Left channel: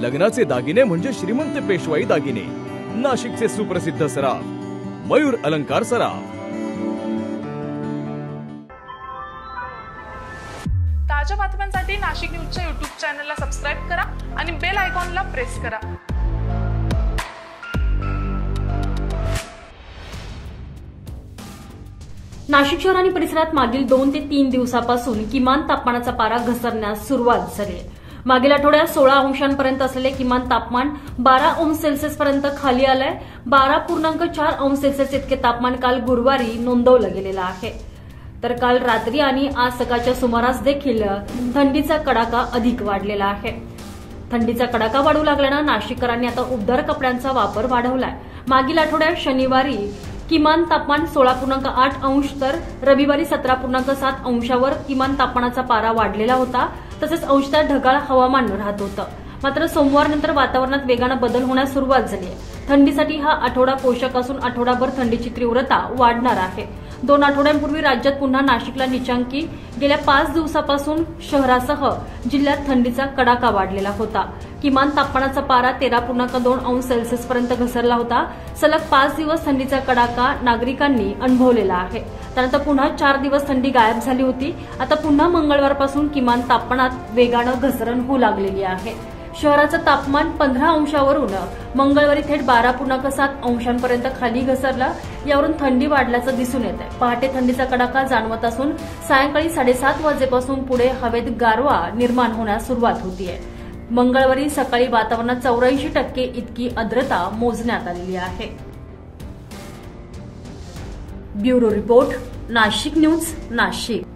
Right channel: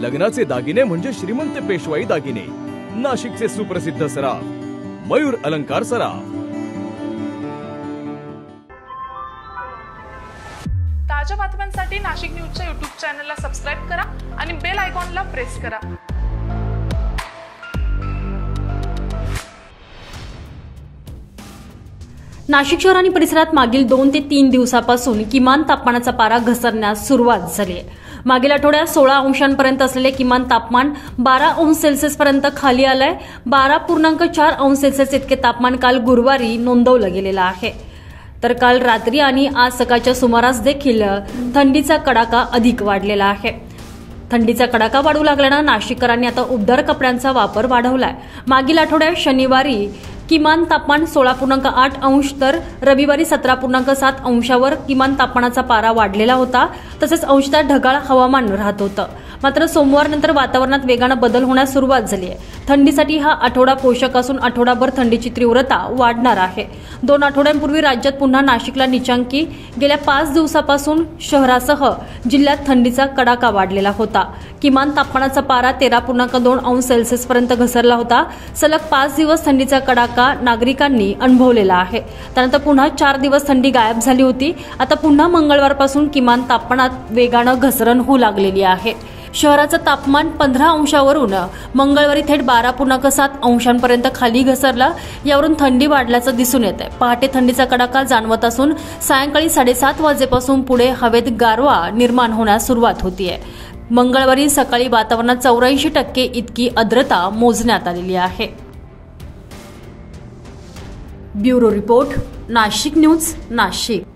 लग्नाचे दागिने म्हणजे श्रीमंत पेशवाई दागिने, नाशिकचे सुप्रसिद्ध सराफ मयूर अलंकार सराफ। ताज्या बातम्यांसाठी नाशिक न्यूजच्या YouTube चॅनलला सबस्क्राइब करा आणि बेल आयकॉनला प्रेस करा। नाशिक शहर आणि परिसरात मागील 2 ते 3 दिवसापासून किमान तापमानाचा पारा घसरण्यास सुरुवात झाली आहे। मागील आठवड्यात 16 अंशांपर्यंत असलेले किमान तापमान 12 अंश सेल्सिअस पर्यंत खाली आलंय। 12.4 अंश सेल्सिअस इतके तापमान काल गुरुवारी नोंदवलं गेलेलं आहे। तर काल रात्री आणि आज सकाळच्या सुमारास देखील थंडीचा कडाका अधिक वाढलेला आहे। थंडीचा कडाका वाढू लागल्यानं नाशिककरांनी आता उबदार कपड्यांचा वापर वाढवलाय। मागील आठवड्यात शनिवारी किमान तापमान 16.8 अंश तर रविवारी 17.7 अंशावर किमान तापमानाचा पारा वाढलेला होता। तसेच अंशतः ढगाळ हवामान राहत होतं। मात्र सोमवारनंतर वातावरणात वेगानं बदल होण्यास सुरुवात झाली आहे। थंडीसाठी हा आठवडा पोषक असून आठवडाभर थंडीची तीव्रता वाढणार आहे। 2 आठवड्यांपूर्वी राज्यात पुन्हा नाशिकला नीचांकी गेल्या 5 दिवसापासून शहरासह जिल्ह्यात थंडीचा कडाका वाढलेला होता। किमान तापमानाचा पारा 13.2 अंश सेल्सिअस पर्यंत घसरला होता। सलग 5 दिवस थंडीचा कडाका नागरिकांनी अनुभवलेला आहे। त्यानंतर पुन्हा 4 दिवस थंडी गायब झाली होती। आता पुन्हा मंगळवारपासून किमान तापमानात वेगानं घसरण होऊ लागलेली आहे। शहराचं तापमान 15 अंशावरून मंगळवारी थेट 12.7 अंशांपर्यंत खाली घसरला। यावरून थंडी वाढल्याचं दिसून येत आहे। पहाटे थंडीचा कडाका जाणवत असून सायंकाळी 7:30 वाजेपासून पुढे हवेत गारवा निर्माण होण्यास सुरुवात होतीये। मंगळवारी सकाळी वातावरणात 84% इतकी आर्द्रता मोजण्यात आलेली आहे। Bureau report, Nashik news, Nashik.